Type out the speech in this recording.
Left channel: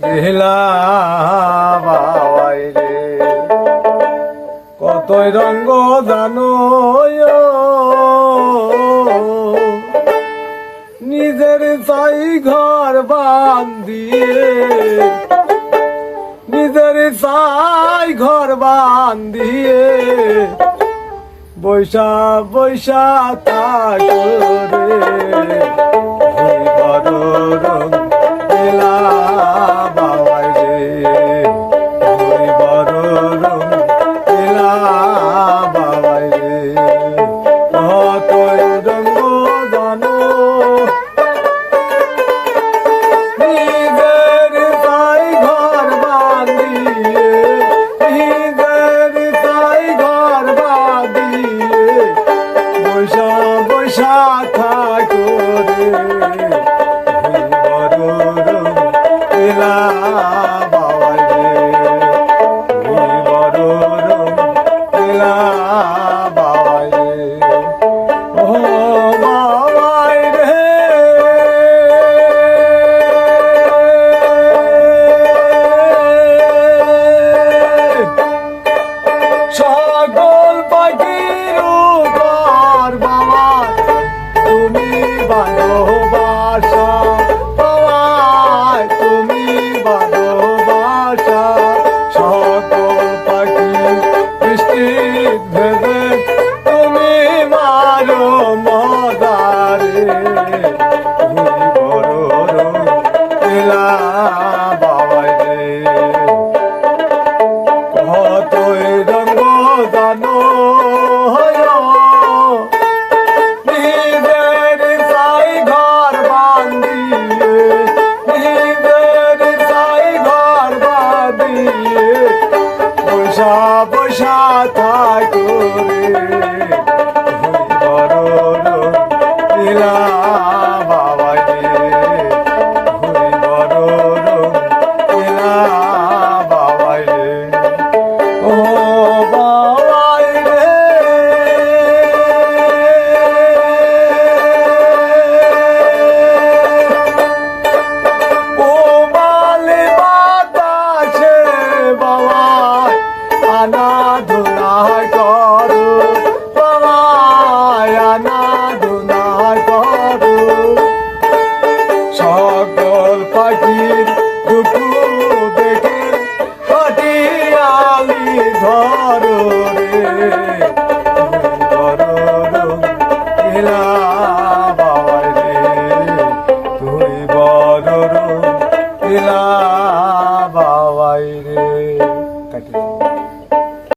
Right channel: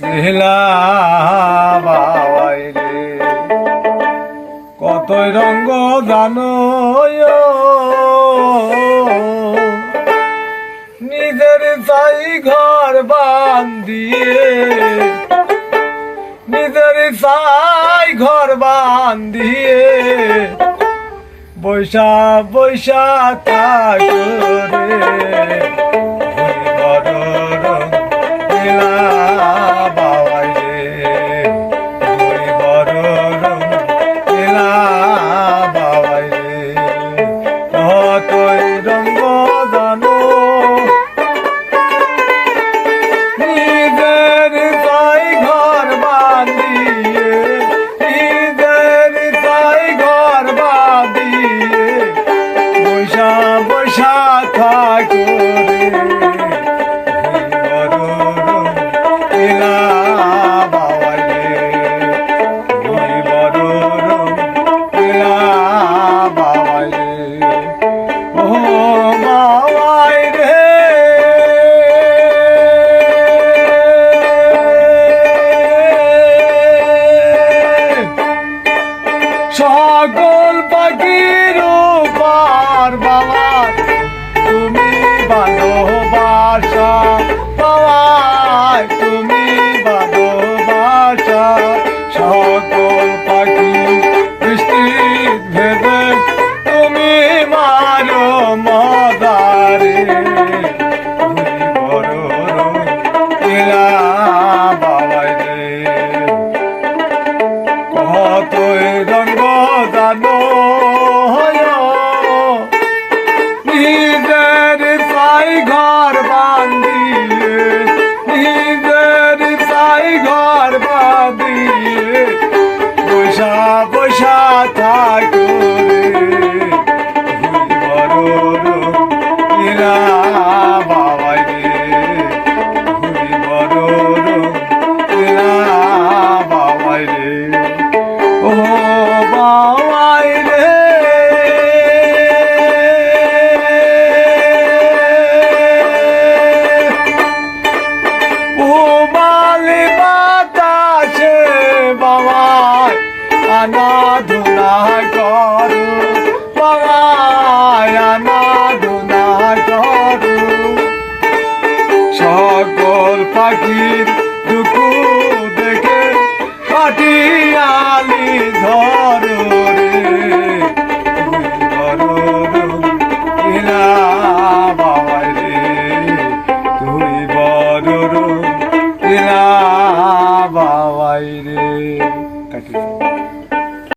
নীলা বাবাই রে কতই রঙ্গ জানো নিজের চাই ঘর বান্ধিয়ে নিজের চাই ঘর বান্ধিয়ে বৈশা বৈশা থাকে রে নীলা বাবাই রে বড় রং নীলা বাবাই রে কতই রঙ্গ জানো নিজের চাই ঘর বান্ধিয়ে নিজের চাই ঘর বান্ধিয়ে বৈশা বৈশা থাকো রে নীলা বাবাই রে বড় রং নীলা বাবাই রে ও বাবাই রে সকল পাখির উপর বাবা তুমি ভালোবাসা সকল পাখি বৃষ্টি ভেবে তুমি মারো মদারে নীলা বাবাই রে কতই রঙ্গ জানো নিজের চাই ঘর বান্ধিয়ে নিজের চাই ঘর বান্ধিয়ে বৈশা বৈশা থাকো রে নীলা বাবাই রে বড় রং নীলা বাবাই রে ও বাবাই রে ও মালি বাতাসে বাবাই আনা ধুনা করো বাবাই আনা ধুনা করো সকল পাখির দুঃখ দেখে পাটিয়ালি ধরো রে বড় রং নীলা বাবাই রে তুই বড় রং নীলা বাবাই রে কাটি